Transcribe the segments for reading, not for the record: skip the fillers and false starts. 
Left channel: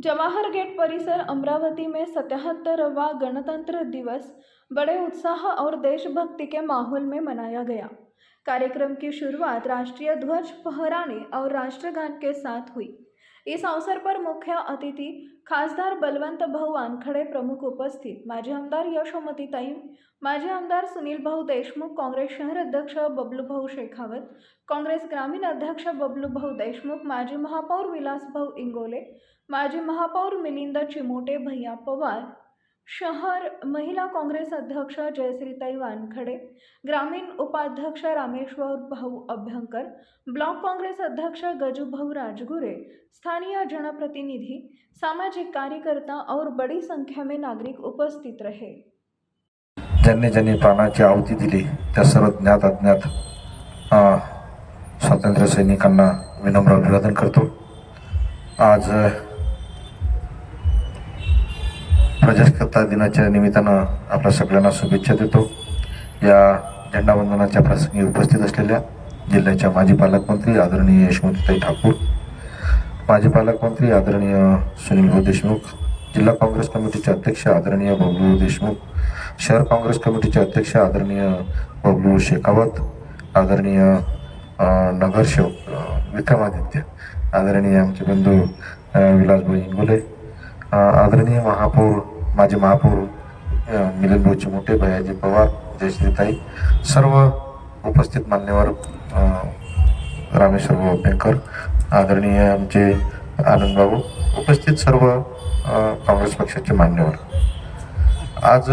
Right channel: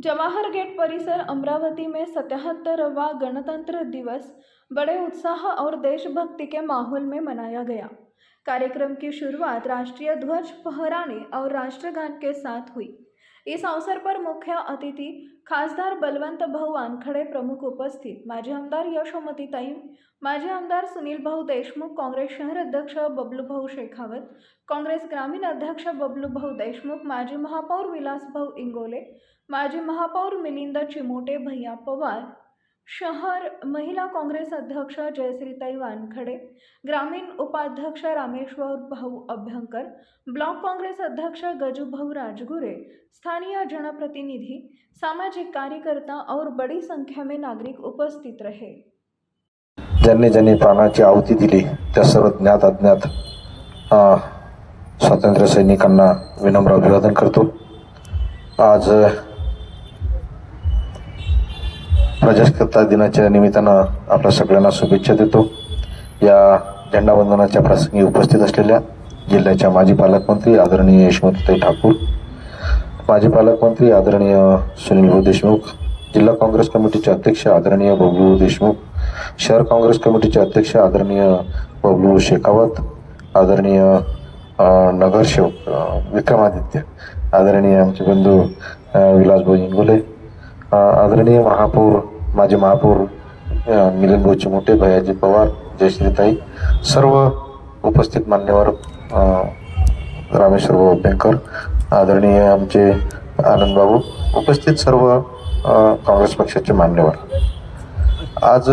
Jawahar gate परिसर अमरावती में 77वां गणतंत्र दिवस बड़े उत्साह और देशभक्ति के माहौल में मनाया गया। कार्यक्रम की शुरुआत राष्ट्रीय ध्वज फहराने और राष्ट्रगान के साथ हुई। इस अवसर पर मुख्य अतिथि खासदार बलवंत भाऊ वानखडे प्रमुख उपस्थित, माजी आमदार यशोमतीताई, माजी आमदार सुनील भाऊ देशमुख, काँग्रेस शहर अध्यक्ष बबलू भाऊ शेखावत, काँग्रेस ग्रामीण अध्यक्ष बबलू भाऊ देशमुख, माजी महापौर विलास भाऊ इंगोले, माजी महापौर मिलिंद चिमोटे, भैया पवार, शहर महिला काँग्रेस अध्यक्ष जयश्रीताई वानखडे, ग्रामीण उपाध्यक्ष रामेश्वर भाऊ अभ्यंकर, ब्लॉक काँग्रेस अध्यक्ष गजू भाऊ राजगुरे, स्थानीय जनप्रतिनिधि, सामाजिक कार्यकर्ता और बड़ी संख्या में नागरिक उपस्थित रहे। ज्यांनी ज्यांनी प्राणाची आहुती दिली त्या सर्व ज्ञात अज्ञात स्वातंत्र्य सैनिकांना विनम्र अभिवादन करतो। आज प्रजासत्ताक दिनाच्या निमित्तानं आपल्या सगळ्यांना शुभेच्छा देतो। या झेंडावंदनाच्या प्रसंगी उपस्थित असलेल्या जिल्ह्याच्या माजी पालकमंत्री आदरणीय यशोमतीताई ठाकूर, माजी पालकमंत्री आदरणीय सुनील भाऊ देशमुख, जिल्हा काँग्रेस कमिटीचे अध्यक्ष आदरणीय बबलू देशमुख, शहर काँग्रेस कमिटीचे अध्यक्ष आदरणीय बबलू शेखावत, आदरणीय नगरसेवक विक्रमादित्य, आदरणीय आमचे बंधू विलासभाऊ इंगोले, आदरणीय महापौर माजी महापौर मिलिंद भाऊ चिमोटे, भैयाजी पवार, जयश्रीताई, सर्व उपस्थित मान्यवर, रामेश्वर भाऊ अभ्यंकर, आदरणीय आमचे आनंदबाबू, उपस्थित सर्व काँग्रेस पक्षाचे मान्यवर। आज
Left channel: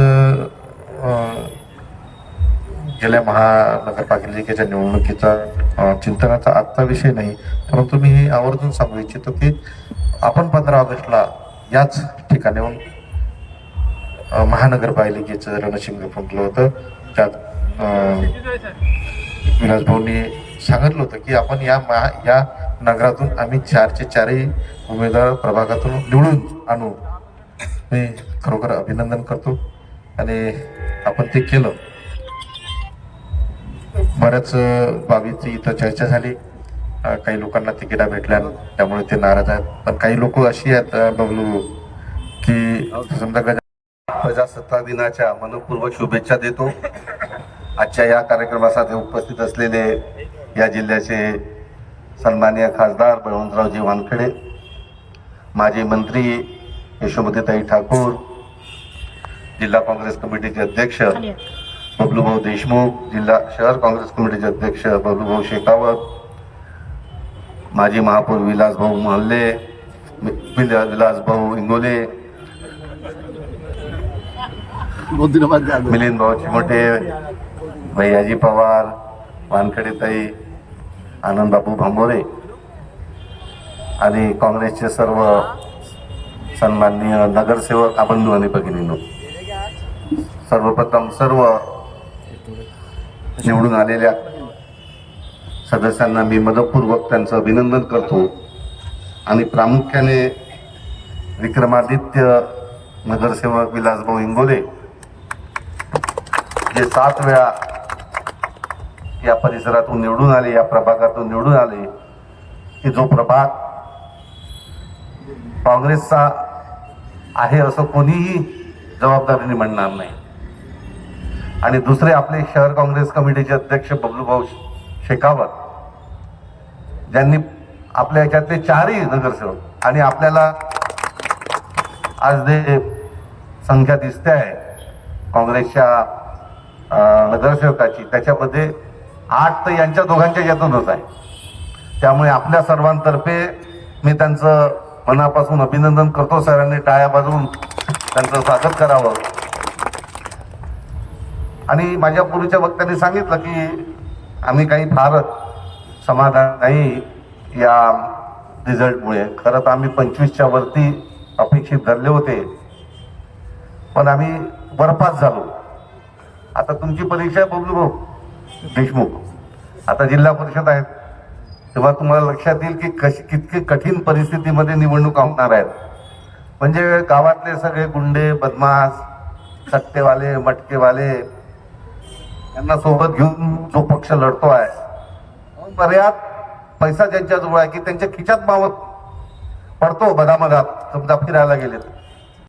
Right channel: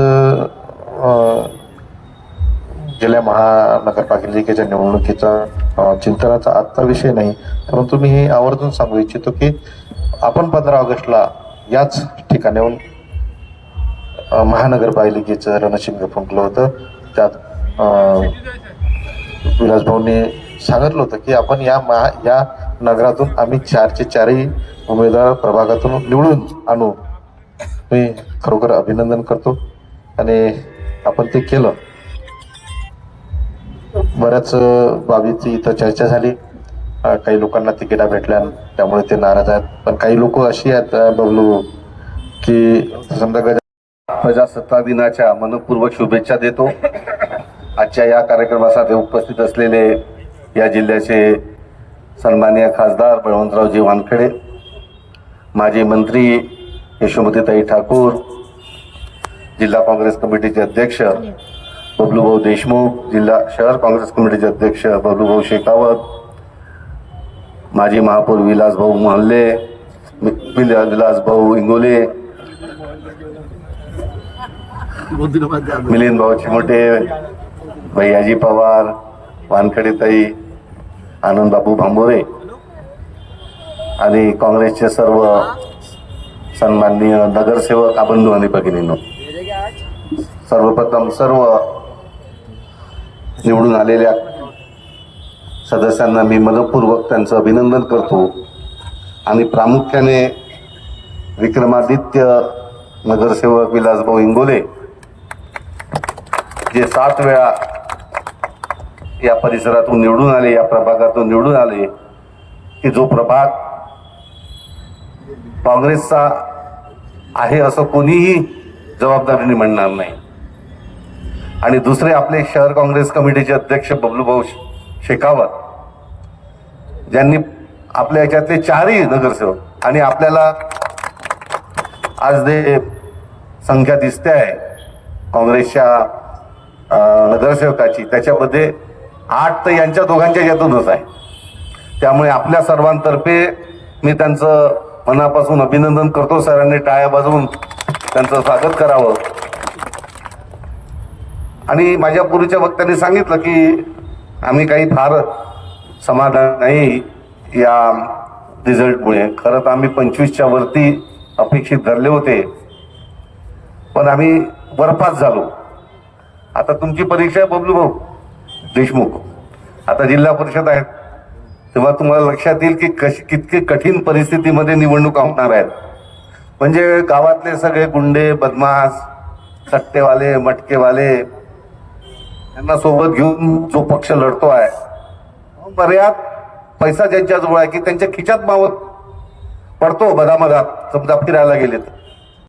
गेल्या महानगरपालिकेच्या निवडणुकीचा चिंतनाचा आजचा विषय नाही, परंतु मी हे आवर्जून सांगू इच्छितो की आपण 15 ऑगस्टला याच ठिकाणाहून महानगरपालिकेचं रणशिंग फुंकलं होतं। त्यात विलास भाऊने सांगितलं होतं की आपण या नगरातून आम्ही 4चे 4ही उमेदवार प्रभागातून निवडून आणू। मी खरोखर अभिनंदन करतो आणि आपण ते केलं। बऱ्याच बाबीची इथं चर्चा झाली, काही लोकांना तिकिटा भेटल्या त्यामुळे ते नाराज आहेत, पण काही लोक अशी आहेत बबलू की समजा प्रजासत्ताक दिनाच्या मनपूर्वक शुभेच्छा देतो। आजच्या या कार्यक्रमासाठी उपस्थित असलेले या जिल्ह्याचे सन्माननीय खासदार बळवंतरावजी वानखडे, माजी मंत्री यशोमतीताई ठाकूर, जिल्हा काँग्रेस कमिटीचे अध्यक्ष बबलूभाऊ देशमुख, जिल्हा शहर काँग्रेस कमिटीचे अध्यक्ष बबलूभाऊ शेखावत, माजी महापौर विलासभाऊ मानले, विलासभाऊ इंगोले, मिलिंद भाऊ चिमोटे, भैयाजी पवार, वानखडेताई, आनंदबाबू भांबोरे आणि काँग्रेसचे सर्व सन्माननीय नगरसेवक बंधू आणि भगिनींनो, सर्वप्रथम सर्व निवडून आलेल्या सदस्यांना मी मनपूर्वक त्यांचं अभिनंदन करतो आणि प्रामुख्याने विक्रमादित्य नगरसेवक विलासभाऊ इंगोले जे 7 वेळा या परिसरातून निवडून आले, या प्रभागातून निवडून आले, की जो प्रभाग काँग्रेसचा आहे असं कोणीही जबाबदारीने म्हणणार नाही। आणि दुसरे आपले शहर काँग्रेस कमिटीचे अध्यक्ष बबलूभाऊ शेखावत, ज्यांनी आपल्या याच्यातले 4ही नगरसेवक, आणि आपल्याला आज जे संख्या दिसते आहे काँग्रेसच्या नगरसेवकाची, त्याच्यामध्ये 8 तर यांच्या दोघांच्या यातूनच आहे। त्यामुळे आपल्या सर्वांतर्फे मी त्यांचं मनापासून अभिनंदन करतो। सरांनी टाळ्या वाजवून त्यांचं स्वागत करावं। आणि माझ्या पूर्वीच्या वक्त्यांनी सांगितलं की आम्ही काही फार समाधान नाही या रिझल्टमुळे। खरं तर आम्ही 25च्या वरती अपेक्षित धरले होते, पण आम्ही बरपास झालो। आता तुमची परीक्षा आहे बबलू भाऊ देशमुख, आता जिल्हा परिषद आहेत, तेव्हा तुम्हाला लक्षात येईल की किती कठीण परिस्थितीमध्ये निवडणुका होणार आहेत। म्हणजे गावातले सगळे गुंडे, बदमाश, सट्टेवाले, मटकेवाले यांना सोबत घेऊन जो पक्ष लढतो आहे, बऱ्याच पैसा ज्यांच्याजवळ आहे की त्यांच्या खिशात मावत पडतो बदामगात समजा फिरायला गेलेत